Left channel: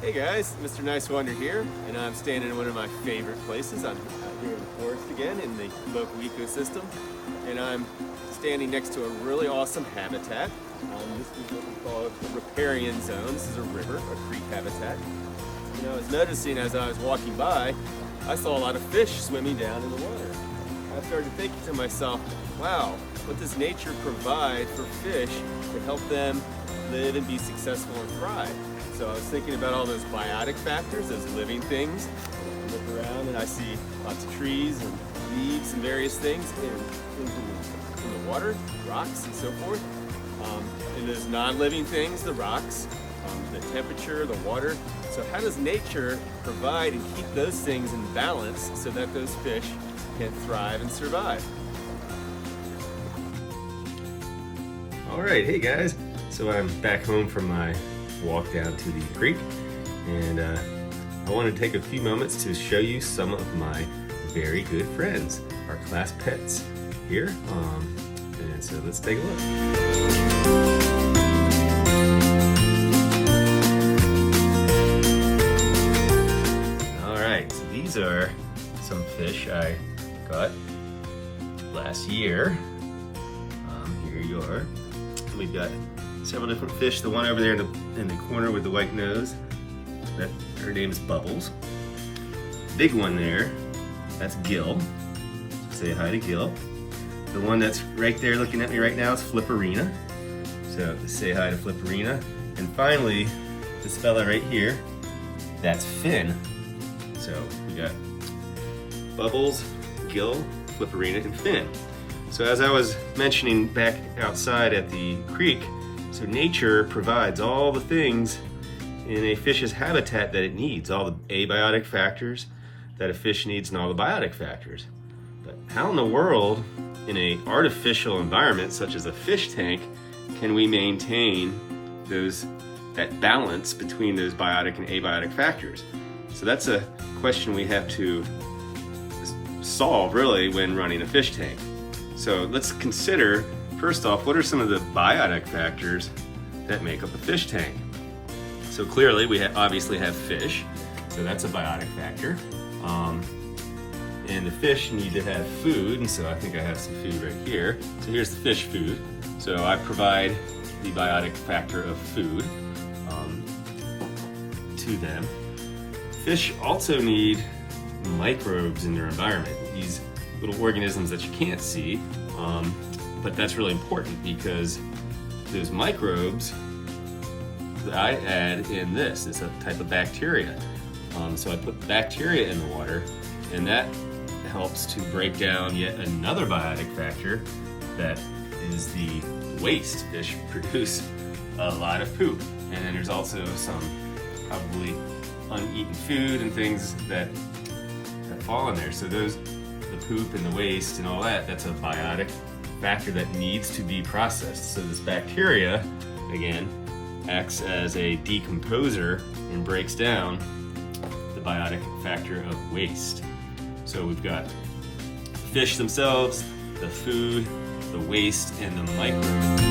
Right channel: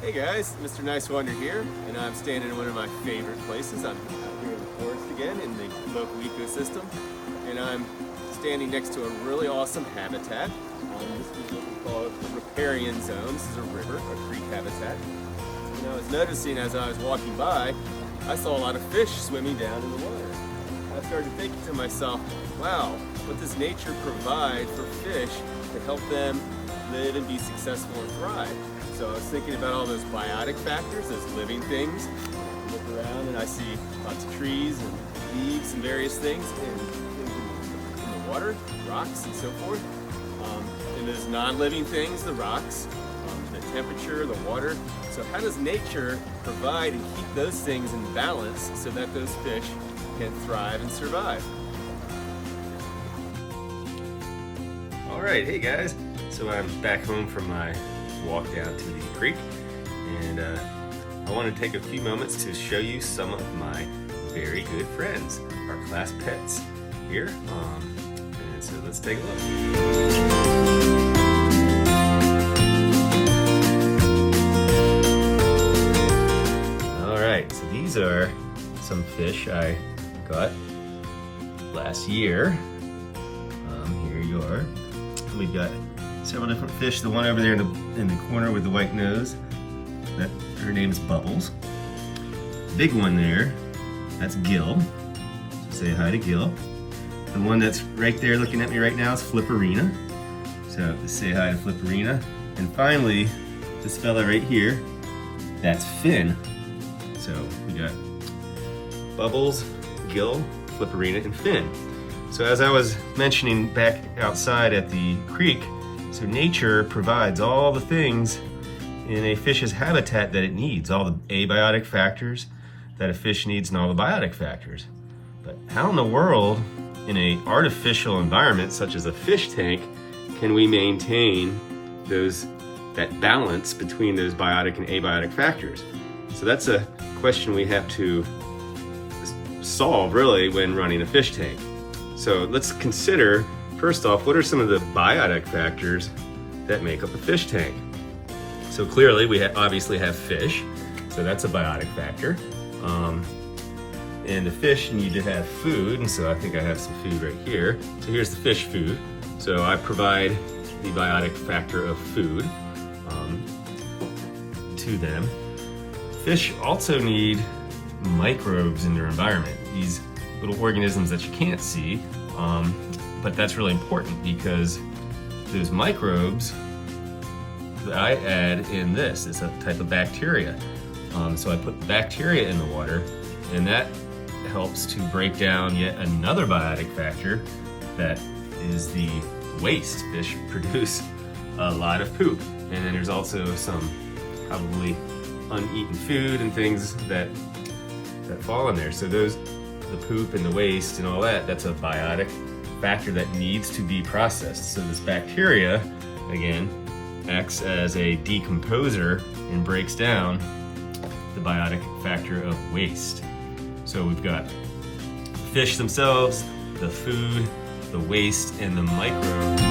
Hey guys, Mr. Nice Wonder here, and I'm standing in one of my favorite places. I'm out here in the forest again in the local ecosystem, and I'm standing next to a really awesome habitat. This is what we call a riparian zone. This is a river, a creek habitat. And I was noticing as I was walking by, I saw a lot of fish swimming down in the water. I started thinking to myself, wow, what does nature provide for fish to help them live and be successful and thrive? So I was thinking about all those biotic factors, those living things. I look around and I see lots of trees and leaves and various things in the water, rocks and so forth. And those non-living things, the rocks, the temperature, the water. So how does nature provide and keep those things in balance so that those fish can thrive and survive? All right, hey guys. So I'm back home from my walk down to the creek, and I want to take a few moments to show you some of my very good friends, our class pets here. And so let's take a look. All right, so these are some fish I got last year. Here you are. We've got several different fish. The one over there in the corner with the white nose, her name's Bubbles. Big one there, that's Gil. Say hi to Gil. The one that's right there looking at me right now is Flipperina. So say hi to Flipperina. And finally, this fella right here, that's Finn. So we got Bubbles, Gil, Flipperina, and Finn. So as I was mentioning back outside at the creek, so nature provides all the things in a fish's habitat that it needs, all the abiotic factors that a fish needs and all the biotic factors. But how in the world, in an artificial environment such as a fish tank, can we maintain that balance between those biotic and abiotic factors? So that's a question we have to solve really when running a fish tank. So let's consider, first off, what are some of the biotic factors that make up a fish tank? So clearly we obviously have fish, so that's a biotic factor. And the fish need to have food, and so I think I have some food right here. So here's the fish food. So I provide the biotic factor of food to them. Fish also need microbes in their environment, these little organisms that you can't see, but that's really important because those microbes that I add in this is a type of bacteria. So I put the bacteria in the water, and that helps to break down yet another biotic factor that is the waste. Fish produce a lot of poop, and then there's also some probably uneaten food and things that fall in there. So the poop and the waste and all that, that's a biotic factor that needs to be processed. So this bacteria, again, acts as a decomposer and breaks down the biotic factor of waste. So we've got fish themselves, the food, the waste, and the microbes.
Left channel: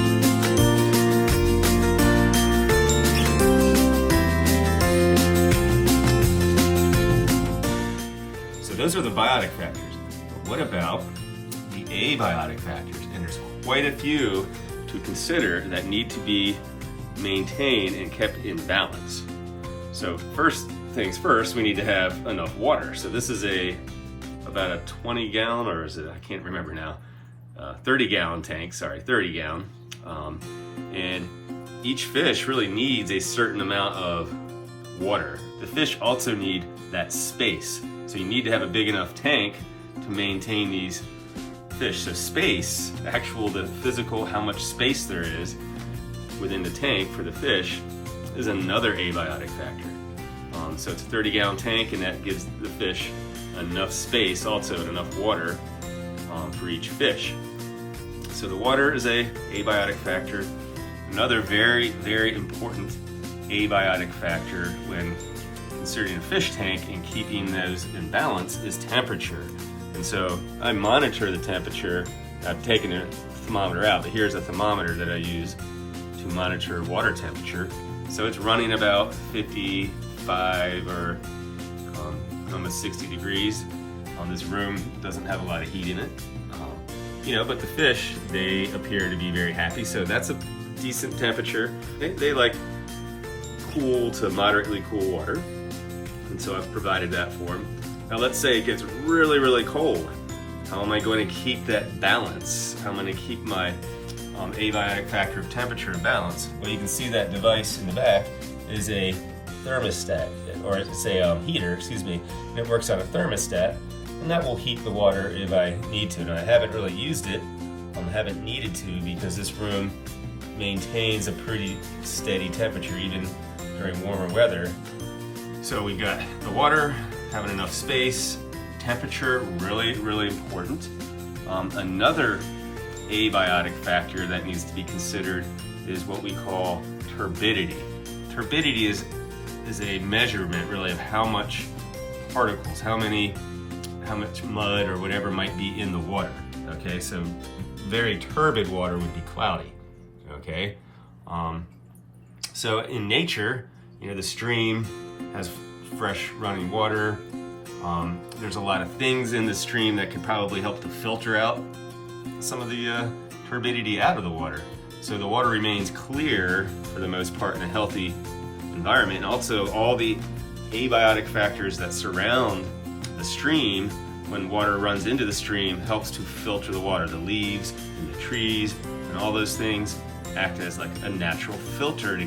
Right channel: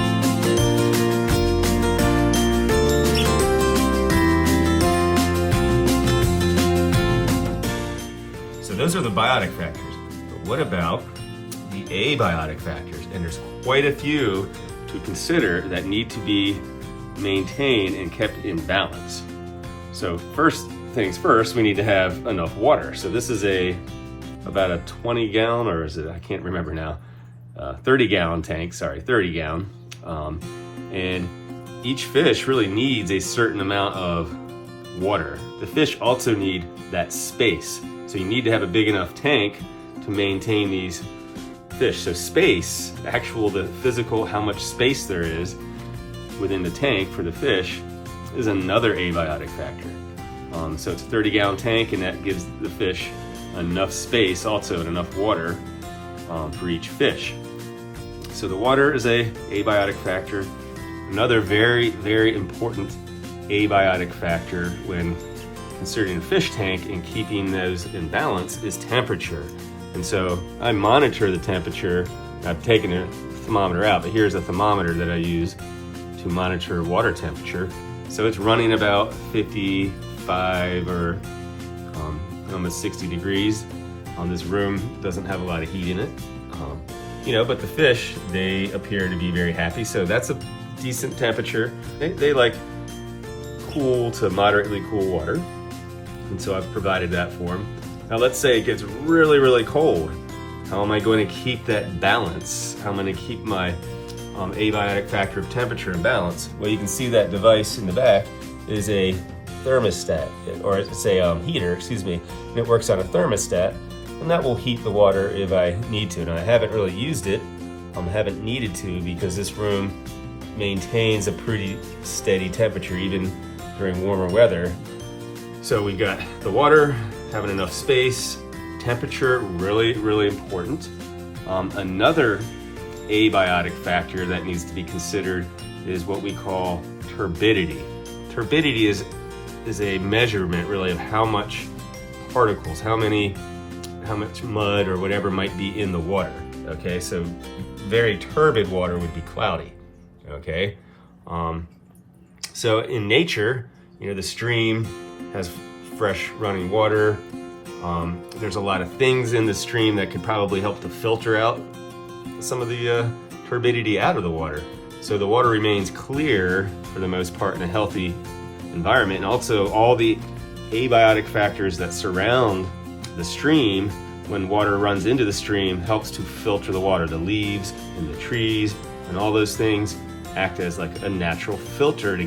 So those are the biotic factors. But what about the abiotic factors? And there's quite a few to consider that need to be maintained and kept in balance. So first things first, we need to have enough water. So this is about a 20 gallon, or is it, I can't remember now, 30 gallon tank, 30 gallon. And each fish really needs a certain amount of water. The fish also need that space. So you need to have a big enough tank to maintain these fish. So space, the physical, how much space there is within the tank for the fish is another abiotic factor. So it's a 30 gallon tank, and that gives the fish enough space also and enough water for each fish. So the water is a abiotic factor. Another very, very important abiotic factor when considering a fish tank and keeping those in balance is temperature. And so I monitor the temperature. I've taken a thermometer out, but here's a thermometer that I use to monitor water temperature. So it's running about 55 65 or almost 60 degrees. This room doesn't have a lot of heat in it. You know, but the fish, they appear to be very happy. So that's a decent temperature. They like cool to moderately cool water. And so I've provided that for them. Now let's say it gets really, really cold. How am I going to keep that balance? How am I going to keep my abiotic factor of temperature in balance? Well, you can see that device in the back is a thermostat, or it's a heater, excuse me, and it works on a thermostat, and that will heat the water if I need to. Now I haven't really used it, haven't needed to, because this room maintains a pretty steady temperature even during warmer weather. So we've got the water, having enough space, temperature, really, really important. Another abiotic factor that needs to be considered is what we call turbidity. Turbidity is a measurement really of how much particles, how much mud or whatever might be in the water. Okay, so very turbid water would be cloudy. Okay, so in nature, you know, the stream has fresh running water. There's a lot of things in the stream that could probably help to filter out some of the turbidity out of the water. So the water remains clear for the most part in a healthy environment. And also all the abiotic factors that surround the stream, when water runs into the stream, helps to filter the water. The leaves and the trees and all those things act as like a natural filter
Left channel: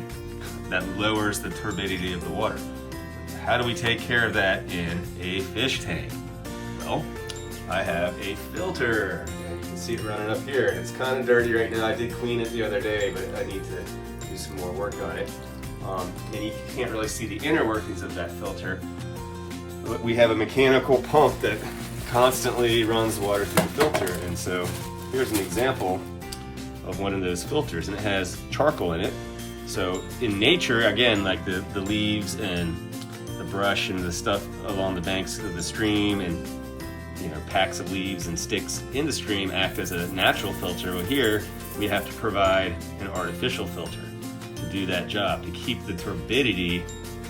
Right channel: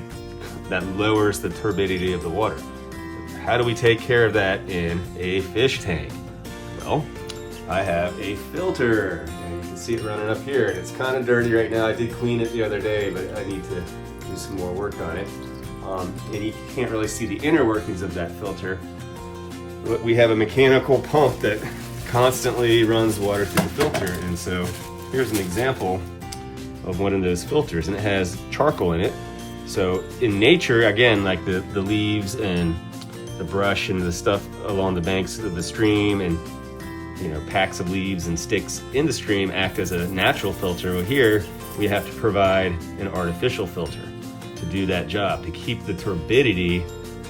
that lowers the turbidity of the water. How do we take care of that in a fish tank? Well, I have a filter. And you can see it running up here, and it's kind of dirty right now. I did clean it the other day, but I need to do some more work on it. And you can't really see the inner workings of that filter. But we have a mechanical pump that constantly runs water through the filter. And so here's an example of one of those filters, and it has charcoal in it. So in nature, again, like the leaves and the brush and the stuff along the banks of the stream, and you know, packs of leaves and sticks in the stream act as a natural filter. Well, here we have to provide an artificial filter to do that job, to keep the turbidity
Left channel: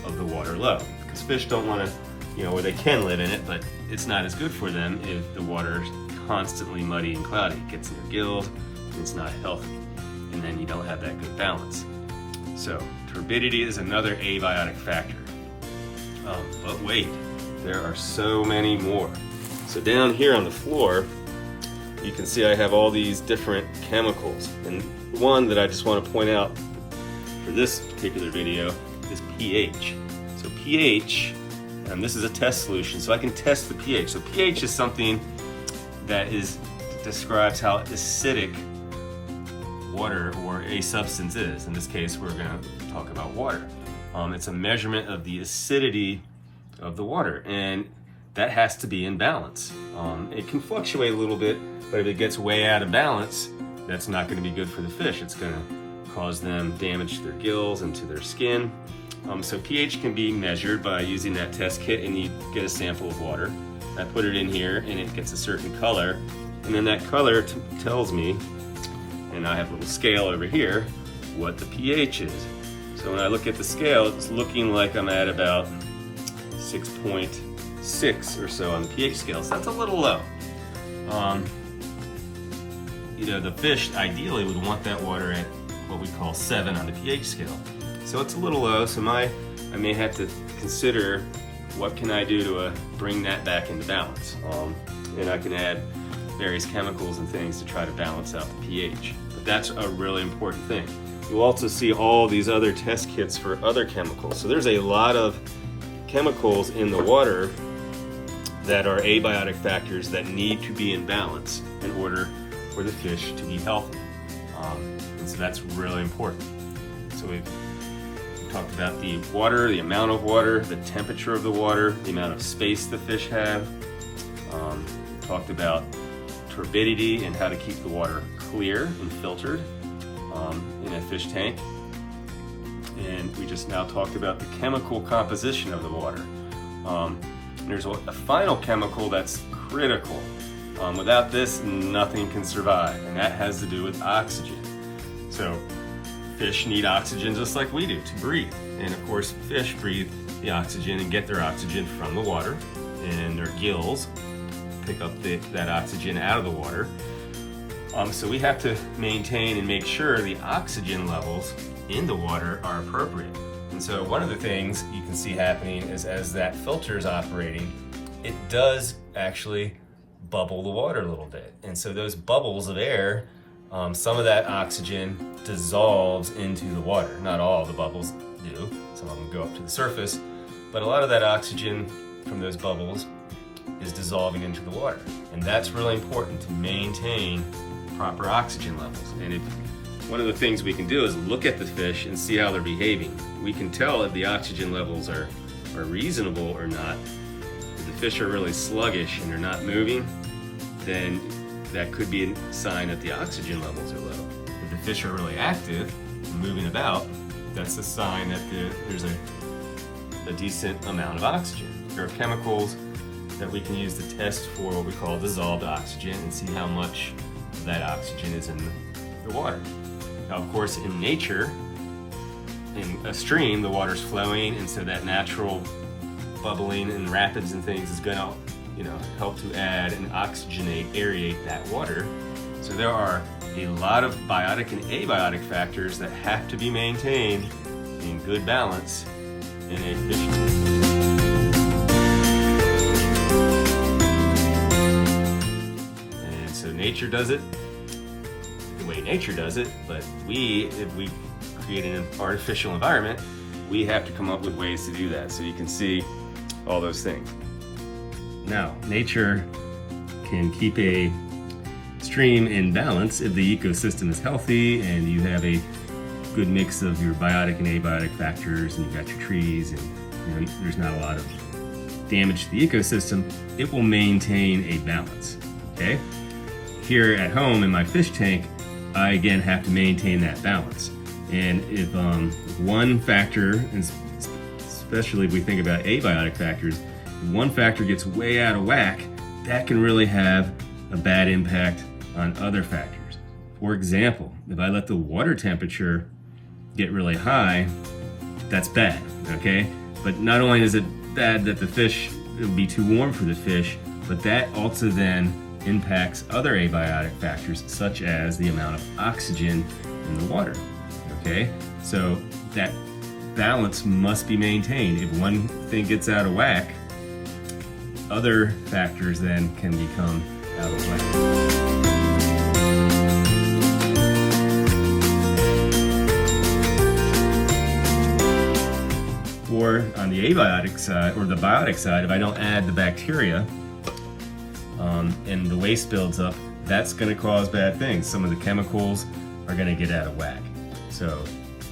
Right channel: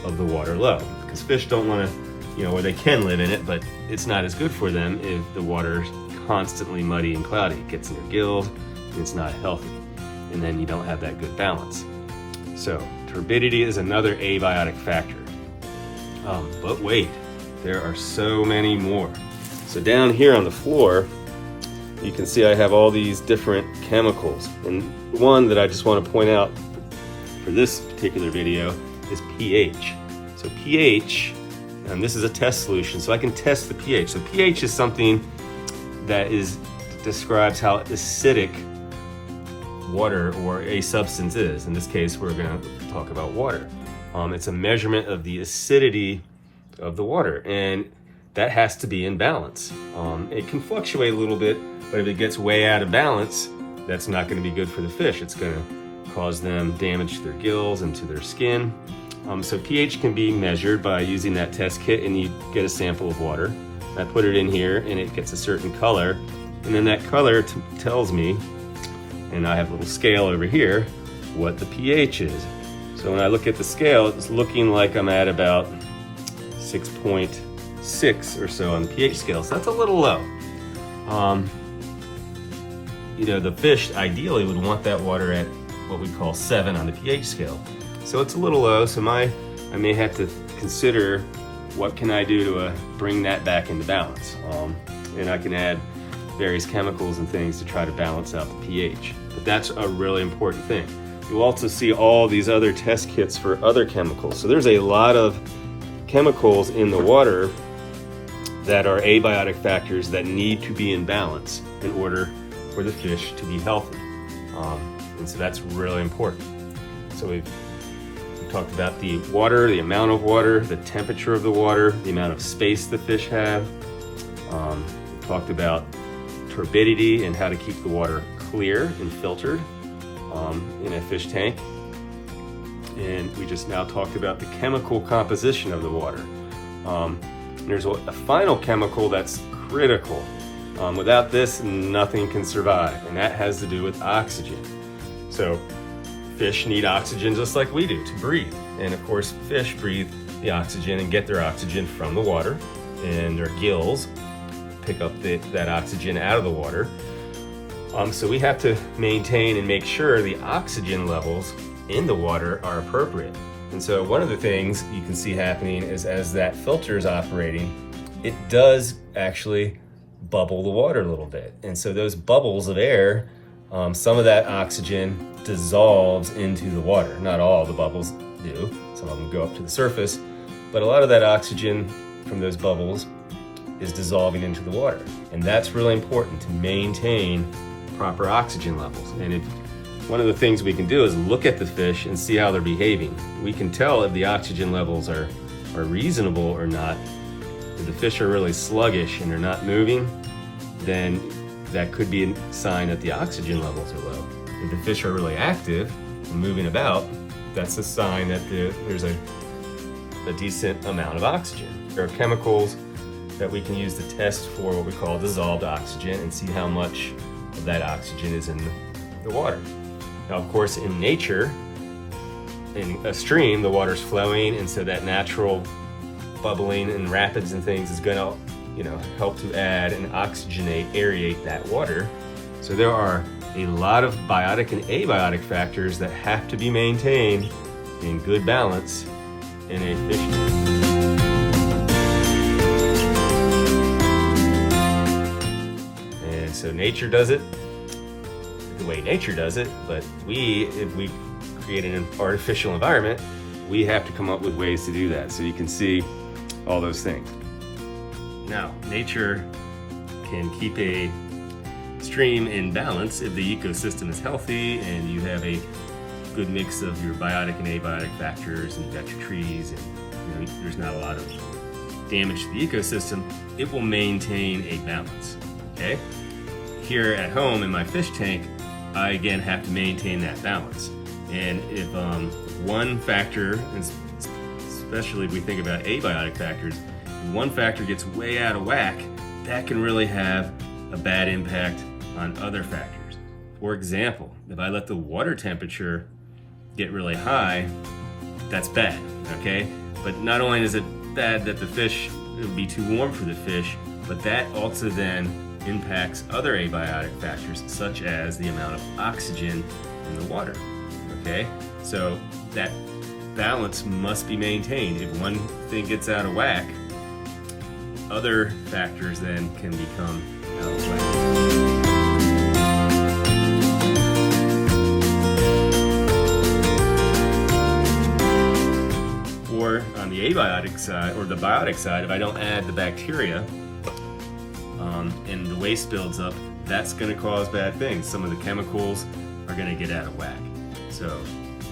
of the water low. Because fish don't want to, you know, or they can live in it, but it's not as good for them if the water's constantly muddy and cloudy. It gets in their gills, and it's not healthy. And then you don't have that good balance. So turbidity is another abiotic factor. But wait, there are so many more. So down here on the floor, you can see I have all these different chemicals. And one that I just want to point out for this particular video is pH. So pH, and this is a test solution, so I can test the pH. So pH is something that describes how acidic water or a substance is. In this case, we're going to talk about water. It's a measurement of the acidity of the water, and that has to be in balance. It can fluctuate a little bit, but if it gets way out of balance, that's not going to be good for the fish. It's going to cause them damage to their gills and to their skin. So pH can be measured by using that test kit, and you get a sample of water. I put it in here, and it gets a certain color, and then that color tells me, and I have a little scale over here, what the pH is. So when I look at the scale, it's looking like I'm at about 6.6 or so on the pH scale, so that's a little low. You know, the fish ideally would want that water at what we call 7 on the pH scale. So it's a little low, so I may have to consider what can I do to bring that back into balance. And I can add various chemicals and things to try to balance out the pH. But that's a really important thing. You'll also see all these other test kits for other chemicals. So there's a lot of chemicals in the water that are abiotic factors that need to be in balance in order for the fish to be healthy. And so that's really important. So we've talked about the water, the amount of water, the temperature of the water, the amount of space the fish have. We talked about turbidity and how to keep the water clear and filtered in a fish tank. And we just now talked about the chemical composition of the water. There's a final chemical that's critical. Without this, nothing can survive, and that has to do with oxygen. So fish need oxygen just like we do to breathe. And of course, fish breathe the oxygen and get their oxygen from the water, and their gills pick up that oxygen out of the water. So we have to maintain and make sure the oxygen levels in the water are appropriate. And so one of the things you can see happening is as that filter is operating, it does actually bubble the water a little bit. And so those bubbles of air, some of that oxygen dissolves into the water. Not all the bubbles do. Some of them go up to the surface, but a lot of that oxygen from those bubbles is dissolving into the water. And that's really important to maintain proper oxygen levels. And one of the things we can do is look at the fish and see how they're behaving. We can tell if the oxygen levels are reasonable or not. If the fish are really sluggish and they're not moving, then that could be a sign that the oxygen levels are low. If the fish are really active and moving about, that's a sign that there's a decent amount of oxygen. There are chemicals that we can use to test for what we call dissolved oxygen and see how much of that oxygen is in the water. Now, of course, in nature, in a stream, the water's flowing, and so that natural bubbling and rapids and things is going to, help to add and oxygenate, aerate that water. So there are a lot of biotic and abiotic factors that have to be maintained in good balance in a fish. So nature does it the way nature does it, but if we create an artificial environment, we have to come up with ways to do that. So you can see all those things. Now, nature can keep a stream in balance if the ecosystem is healthy and you have a good mix of your biotic and abiotic factors, and you've got your trees, and there's not a lot of damage to the ecosystem. It will maintain a balance. Okay. Here at home in my fish tank, I again have to maintain that balance. And if one factor, and especially if we think about abiotic factors, if one factor gets way out of whack, that can really have a bad impact on other factors. For example, if I let the water temperature get really high, that's bad, okay? But not only is it bad that it would be too warm for the fish, but that also then impacts other abiotic factors such as the amount of oxygen in the water, okay? So that balance must be maintained. If one thing gets out of whack, other factors then can become out of whack. Or on the abiotic side, or the biotic side, if I don't add the bacteria, and the waste builds up, that's going to cause bad things. Some of the chemicals are going to get out of whack. So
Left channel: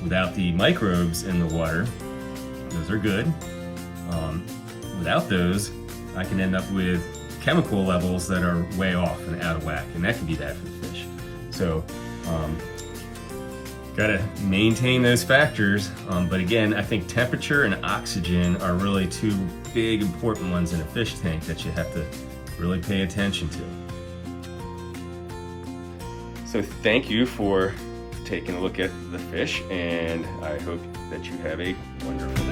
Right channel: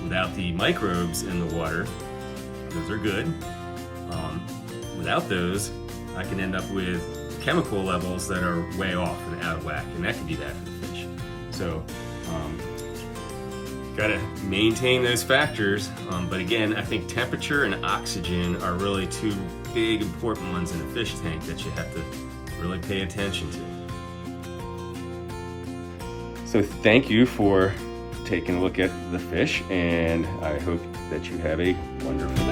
without the microbes in the water, those are good. Without those, I can end up with chemical levels that are way off and out of whack, and that can be bad for the fish. So gotta maintain those factors. But again, I think temperature and oxygen are really two big important ones in a fish tank that you have to really pay attention to. So thank you for taking a look at the fish, and I hope that you have a wonderful day.